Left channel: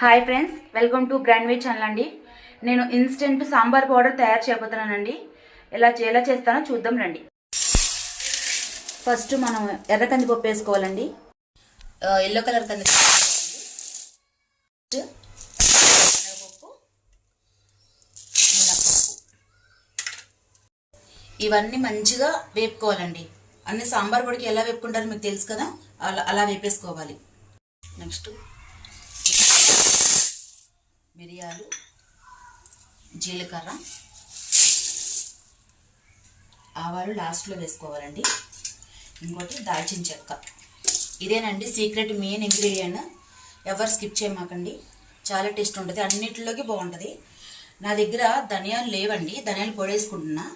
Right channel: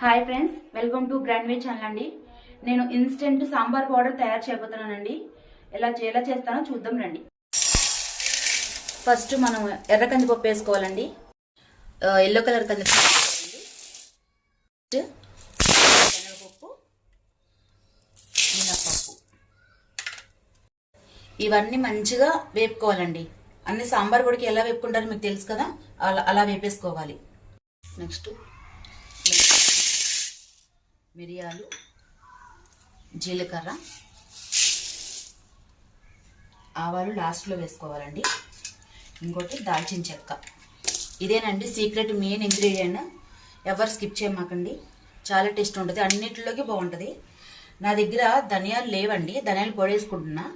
Hi friends, welcome to grand way channel అండి. నేను instant sambar powder తయారు చేయబోతున్నానండి. ఎలా చేస్తానో చూద్దాం రండి. ఫస్ట్ మనం ఎర్ర కందిపప్పు వేసుకోవాలండి. ఎల్లో కలర్ కందిపప్పు, శనగపప్పు, మినపప్పు, ఇవన్నీ మంచిగా వేపుకోవాలండి. అన్ని సాంబార్ పొడికి ఎలా వేపుకుంటారో మీకు తెలుసు కదా, అలా వేపేసుకోవాలి. నెక్స్ట్ మిరియాలు, జీలకర్ర, ఆవాలు లాస్ట్లో వేసుకోవాలండి. ఇంకోటి దాల్చిన చెక్క. ఇదేనండి సీక్రెట్ మెయిన్ ఇంగ్రీడియంట్. ఎవరు స్కిప్ చేయమాకండి, చాలా టేస్ట్ ఉంటుంది, అన్నింటిలోకి బాగుంటుంది. నా దగ్గర ధనియాలు లేవండి, ధనియాలు పొడి వేసుకుంటున్నా.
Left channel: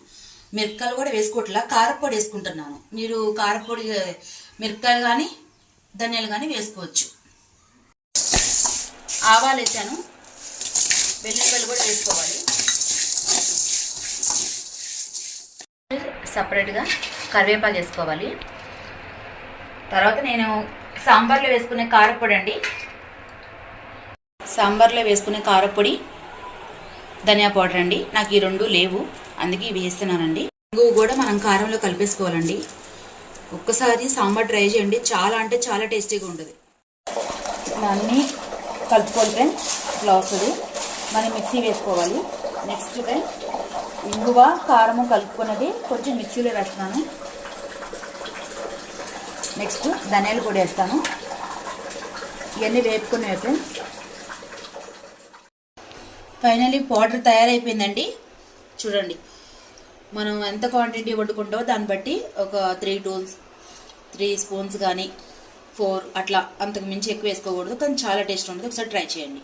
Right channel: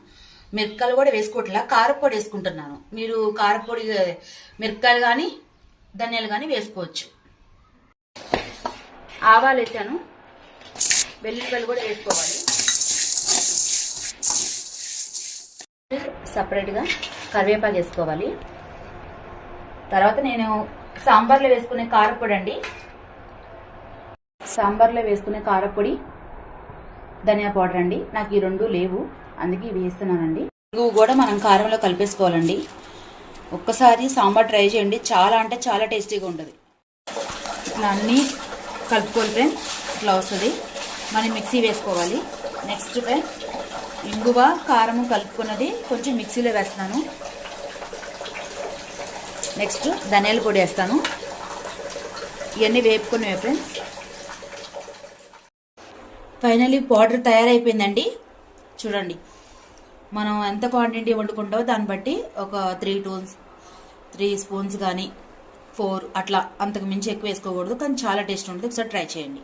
మిరపకాయలు కూడా వేసుకోవట్లా, కారపొడి వేసుకుంటున్నాను. మీరు కారపొడి మిరపకాయలు కానీ ధనియాలు కానీ వేసుకోవచ్చు. ఆవాలు వేసాను, వెల్లుల్లిపాయలు కూడా వేసుకోవాలి. సపరేట్గా కరివేపాకు వేసుకోవాలి. తర్వాత నేను సాంబార్లో వేసుకునే కారపొడి అండి, సాంబార్లో వేసుకునే కారపొడి, ధనియా పౌడర్ అండి. నాకు ఈ రెండు లేవు, అందుకే ఇవి వేస్తున్నానండి. ఇంగువ కూడా మనం కారంలో కలిపేసుకోవాలండి. ఒక్కసారి సాంబార్ ట్రై చేయండి, చాలా అంటే చాలా టేస్టీగా ఉంటుంది. అన్నీ కలుపుకోవాలి ఫ్రెండ్స్, ఇట్లా వస్తుంది. మనం మిక్సీ వేసుకోవాలి. నెక్స్ట్ ఫ్రెండ్స్ ఇంగువ కారము కలుపుకున్నది కొంచెం మిక్సీలో వేస్తాను. నెక్స్ట్ ధనియాలు కూడా వేస్తాను. ఇవన్నీ వేపుకున్నాయి ఫ్రెండ్స్. ఫైనల్లీ పౌడర్ తయారైపోయిందండి. చూడండి, మనం ఎంత క్వాంటిటీ వండుకుంటామో దాన్ని బట్టి ఒక 3 స్పూన్స్ కానీ 4 అట్లా, అంతకు మించి ఎక్కువ వేసుకోకూడదు, కానీ చాలా టేస్ట్ ఉంటుంది. ఒకసారి ట్రై చేయండి.